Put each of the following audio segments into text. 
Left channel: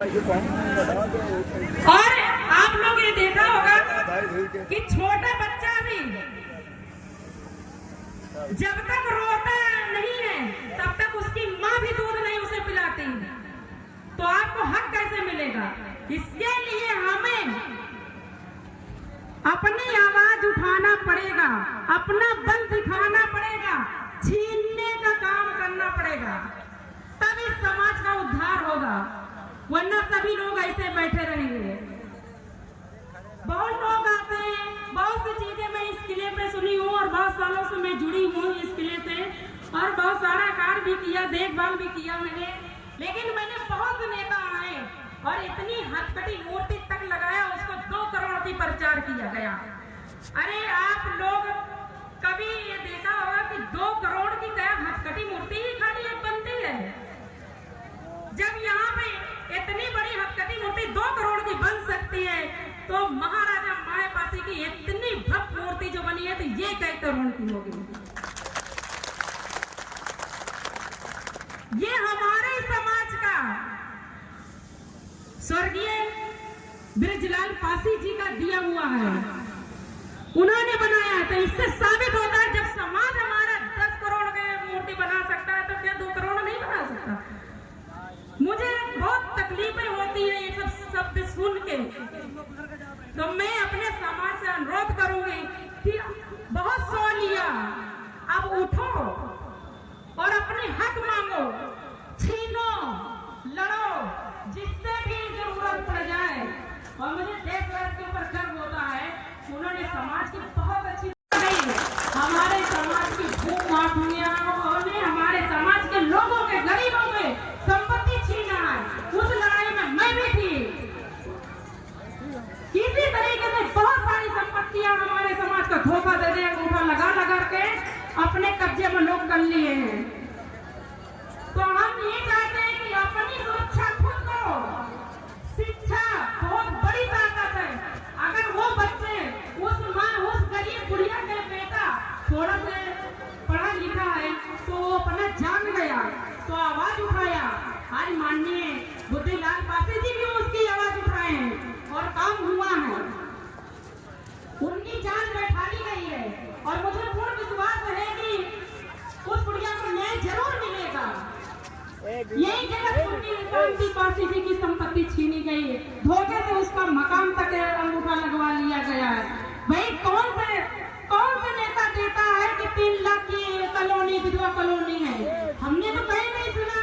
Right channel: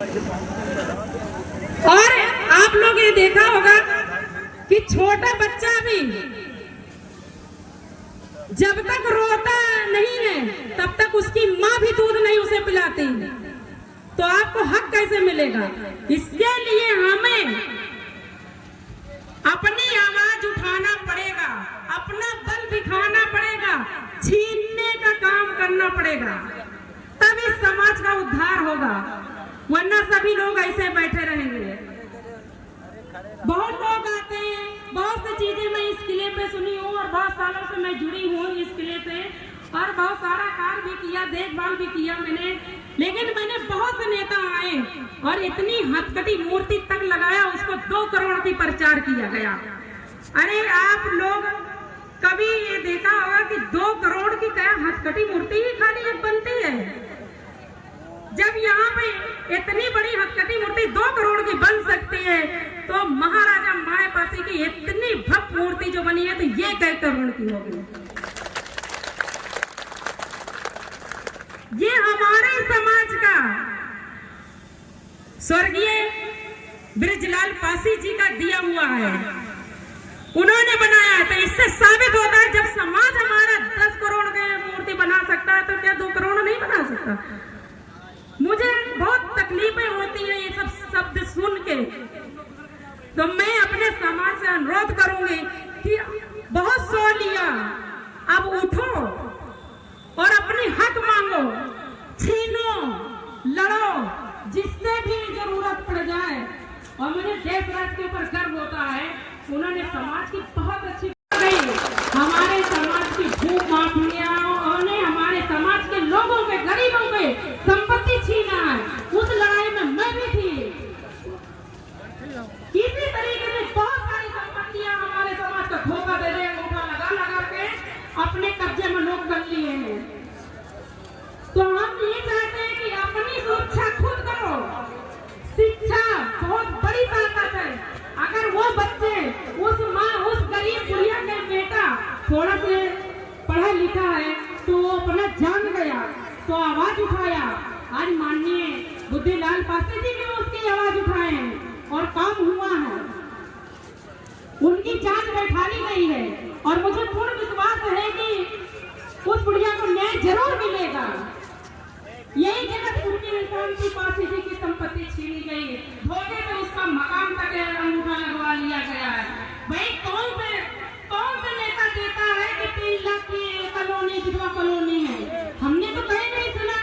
और आप लोग ये देखा होगा कि छोटा बच्चा भी जब तक रोता नहीं है तब तक उसकी माँ भी दूध नहीं उसे पिलाती, तो आपको हक कैसे मिलेगा? इसके लिए हमें अपनी आवाज उठाना पड़ेगा, अपना बल दिखाना पड़ेगा, छीनने का काम करना पड़ेगा, तभी समाज का उद्धार होगा, वरना सभी लोग ऐसे बैठे रहेंगे। बहुत लोग आते हैं, बहुत सी चीजें मैं इस किले पे सुनी हूँ और बहुत सालों से मैं जुड़ी हूँ इस किले से और बहुत सारा कार्य भी किया, देखभाल भी किया मैंने, लेकिन मैंने बहुत से नेता आए और इतनी हथकटी मूर्ति तक लगाया, उसको 2 करोड़ की प्रचार किया गया। अरे आप लोग कभी ये देखा होगा कि 2 करोड़ की क्या हथकटी मूर्ति ही खाली बनती है? जब यहाँ पे इतनी बड़ी हथकटी मूर्ति 2 करोड़ की बन सकती है, तो महाराजा मायापासी की इतनी भव्य मूर्ति जो बनी है तो ये कई करोड़ की होगी। ये हमारे समाज का स्वर्गीय बृजलाल पासी जी का दिया हुआ है, उन्होंने बनाया है। तो इससे साबित होता है जब समाज हमारा 10 करोड़ की मूर्ति बना सकता है तो क्या 2 करोड़ नहीं बना सकता? मुझे बहुत तकलीफें होती हैं ये सब शब्द सुन के, तो मैं अपने समाज से अनुरोध करूंगी कि बहुत सो लिया, अब उठो और अपनी हक मांगो, छीनो, लड़ो, जिससे भी जरूरत पड़ जाए। और मुझे देश राज के ऊपर गर्व होता है, उन्होंने समाज की बहुत अच्छी हमारे समाज की भूख माफियाओं ने हमारे समाज के लोगों के, गरीबों के संपत्ति छीना है, उस लड़ाई में मैं भी थी। इसी तरीके से बहुत सारी संपत्तियां हमारे समाज का धोखा दे दे ऊपर लगा के अपने कब्जे में लोग कर लिए हैं। तो हम ये चाहते हैं कि अपनी सुरक्षा खुद करो। शिक्षा बहुत बड़ी ताकत है। अगर वो बच्चे, उस माँ, उस गरीब बुढ़िया के बेटा थोड़ा से पढ़ा लिखा है तो वो अपने जान गया तो आवाज उठाया, आज माननीय बुद्धिलाल पासी जी भी उसकी आवाज उठाए हैं और काम हुआ है, उनकी जान बैठा ली गई है। और मुझे पूर्ण विश्वास है कि उस बुढ़िया को न्याय जरूर मिलेगा। यही जगतपुर की शांति पासी जी की संपत्ति छीनी गई, धोखे से उसका मकान तक अंगूठा लगवा लिया गया है। भाई कौन सा नेता देता है कि 3 लाख की कॉलोनी, विधवा कॉलोनी है? हमने तो कहीं नहीं सुना।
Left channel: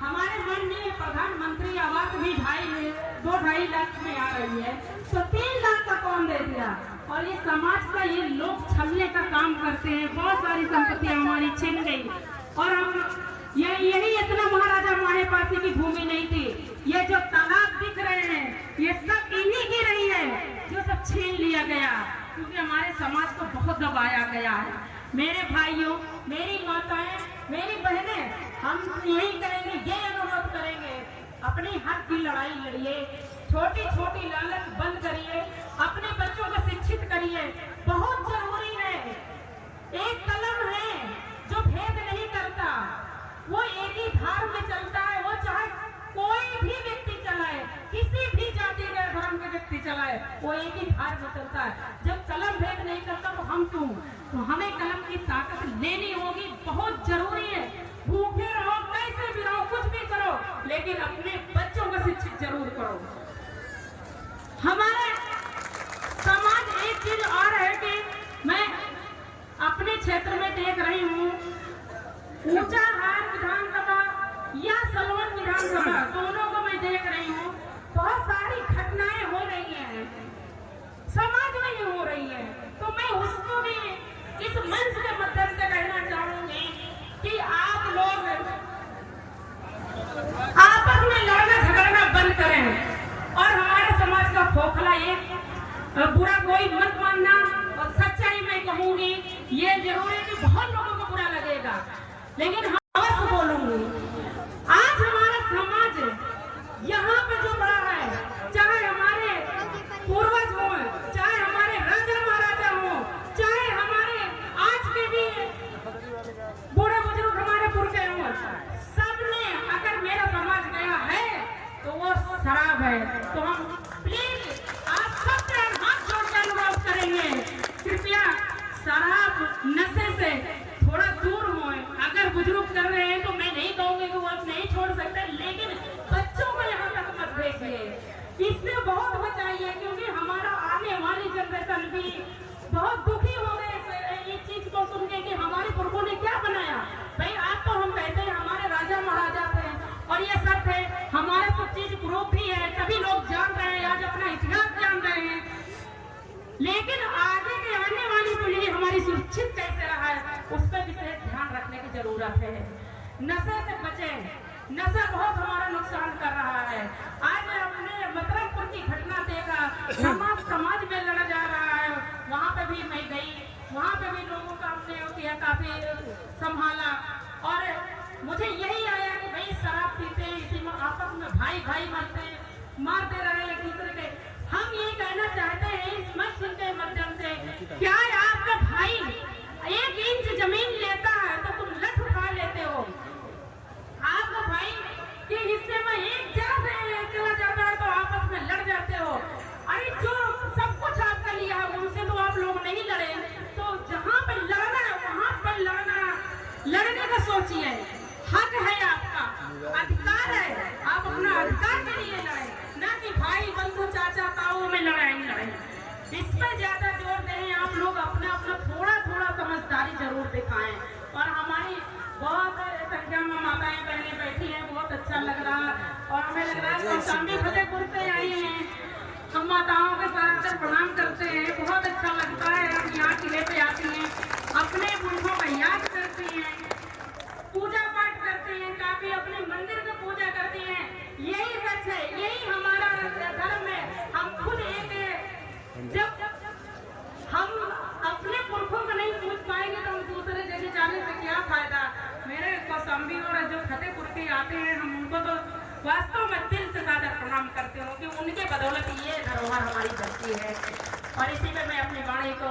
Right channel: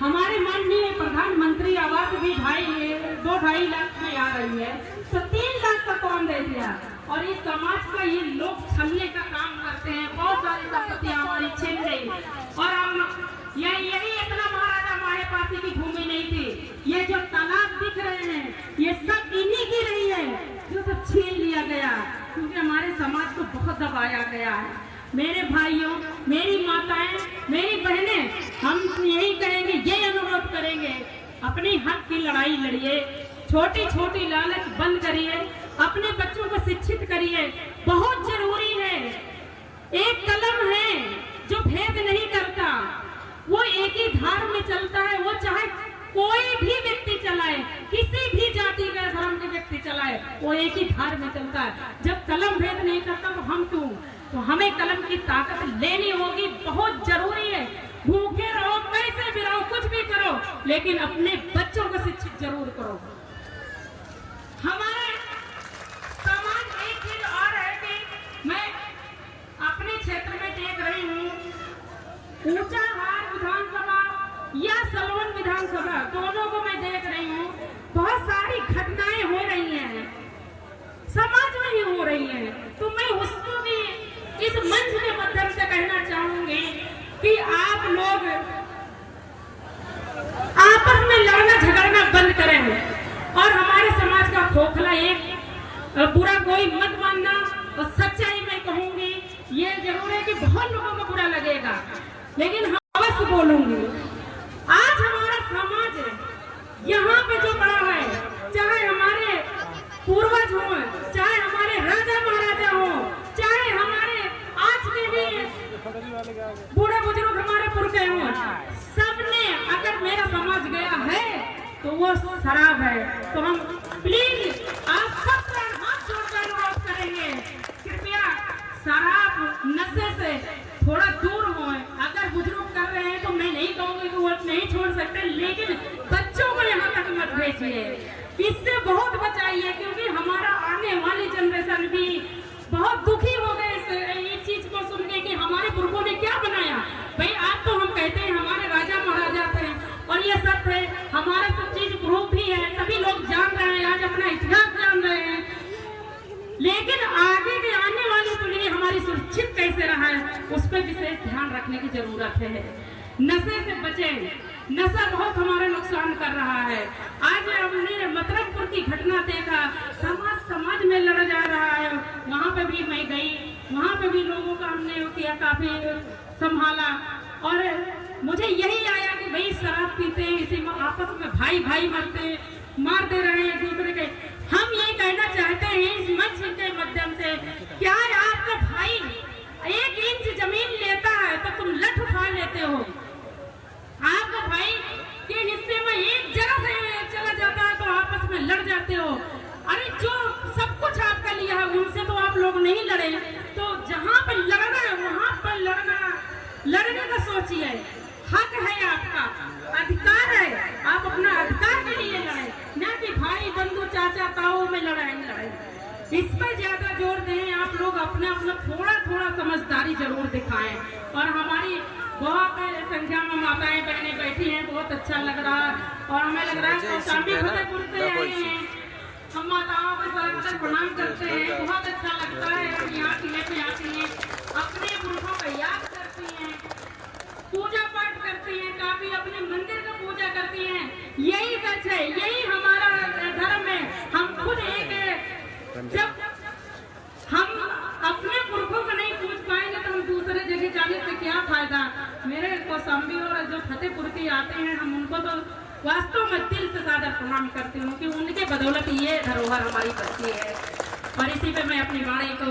हमारे माननीय प्रधानमंत्री आवास भी 2-2.5 लाख में आ रही है, तो 3 लाख का कौन दे दिया? और इस समाज का ये लोग छलने का काम करते हैं। बहुत सारी संपत्तियां हमारी छिन गई और हम यही इतना महाराजा मायापासी की भूमि नहीं थी। ये जो तालाब दिख रहे हैं ये सब इन्हीं की रही है, जो सब छीन लिया गया क्योंकि हमारे समाज को बहुत दबाया गया है। मेरे भाइयों, मेरी माताएं, मेरी बहनें, हम यही करेंगे, ये अनुरोध करेंगे, अपनी हक की लड़ाई लड़िए, छोटी छोटी लालच बंद करिए, अपने बच्चों को शिक्षित करिए। बहुत जरूरी है। एक कलम है जो भेद नहीं करता, वो एक ही धार में चलता है, वो चाहे कोई भी व्यक्ति चलाए, किसी भी जाति का धर्म के व्यक्ति चलाए, वो एक ही धार में चलता है। जब कलम भेद नहीं करता तो हम तो हमें कलम की ताकत लेनी होगी, बहुत जरूरी है। भूखे रहो, कैसे भी रहो, कुछ भी करो, लेकिन अपने बच्चों को शिक्षित जरूर करो। हमारे समाज एक चीज और है कि मैं अपने क्षेत्र में देख रही हूँ, ऊंचाहार विधानसभा या सलवन विधानसभा, दोनों को मैं देख रही हूँ, बहुत सारी घटनाएं हो रही हैं, समाज में ही हो रही हैं। तो मैं उसको भी इस मंच के माध्यम से कहना चाहूंगी कि आप लोग आपस में लड़ना झगड़ना बंद करें और हमारे समाज का खोखला एक बुरा कोई मत मानना। और सच्चाई मैं कहूंगी, ये जरूर है कि बहुत लोगों को बुरा लगेगा, लेकिन हम अवश्य बोलूंगी। आज हमारा समाज यहाँ पे जो बड़ा है, चाहे हमारे पूर्वज हो, चाहे हमारे राजा महाराजा हो, चाहे हमारे आज के भी बूढ़े बुजुर्ग हमारे पुरखे हो, सबने अगर मेरा समाज गया है तो वो खराब है। तो हम प्लीज आप सब हाथ जोड़ के अनुरोध करेंगे, कृपया शराब नशे से थोड़ा दूर हो। अगर बुजुर्ग कर रहे हैं तो मैं नहीं कहूँगी कि वो नहीं छोड़ सकते, लेकिन बच्चों को यहाँ तक मत भेजिए, इससे बहुत बचाइए, क्योंकि हमारा आने वाली जनरेशन भी बहुत दुखी हो गए इस चीज को सुन के कि हमारे पुरखों ने क्या बनाया। भाई आज तो हम कहते हैं हमारे राजा महाराजा थे, और ये सत्य है, हमारा सब चीज प्रूफ भी है, सभी लोग जान रहे हैं, आज अपना इतिहास जान रहे हैं, लेकिन आगे की आने वाली पीढ़ी हमारी सुरक्षित कैसे रहा है उस पर विशेष ध्यान रखने की जरूरत है। नशे से बचें, नशा बहुत हमारा नुकसान कर रहा है। आज हमने मतरमपुर की घटना देखा, समाज में लड़ा जा रहा है, वहाँ पे भी मैं गई, वहाँ पे भी लोगों का हमने किया, काफी संभाला, और मुझे यही आया कि भाई शराब पीते हैं, इसी में आपस में भाई भाई मार दे रहे हैं एक दूसरे के। हम ये कहना चाहते हैं इस मंच के माध्यम से, क्या आपका भाई 1 इंच जमीन लेता है तो तुम लठ उठा लेते हो, आपका भाई के हिस्से में 1 जरा से चला जाता है तो आपस में लड़ जाते हो। अरे जो सब कुछ आपका लिया है उनसे तो आप लोग नहीं लड़े, तो जहाँ पर लड़ना है वहाँ पर लड़ने का सोचिए, हक है आपका, अधिकार है, आप अपना अधिकार के लिए लड़े, न कि भाई बंधु चाचा ताऊ में लड़ाई लड़े। इस पे ज्यादा जोर दें आप लोग, अपना थोड़ा समझदारी जरूर दिखाएं। और हमारी बहुत संख्या में माताएं बहनें बैठी हैं, बहुत अच्छा लग रहा है, और हमें लग रहा है हम माताओं के साथ प्रणाम करते हैं, बहुत अच्छा लगता है। अब यहाँ किले पे आती हैं, अपने पुरखों का याद करती हैं, पूजा पाठ करती हैं, काफी अपने मंदिर का पूजा करती हैं, यही सच है, यही हमारा धर्म है। हम खुद जब हम अपने पुरखों को नहीं पूछ पाएंगे तो हम दूसरे जगह जाने से क्या फायदा। मेरे कौशाम्बी और जो फतेहपुर के आते हैं, हम उनको तो वास्तव में दिल से सादर प्रणाम करती हूँ कि उनके बदौलत ये धरोहर हमारी बची है। और इसी पे मैं अपनी वाणी को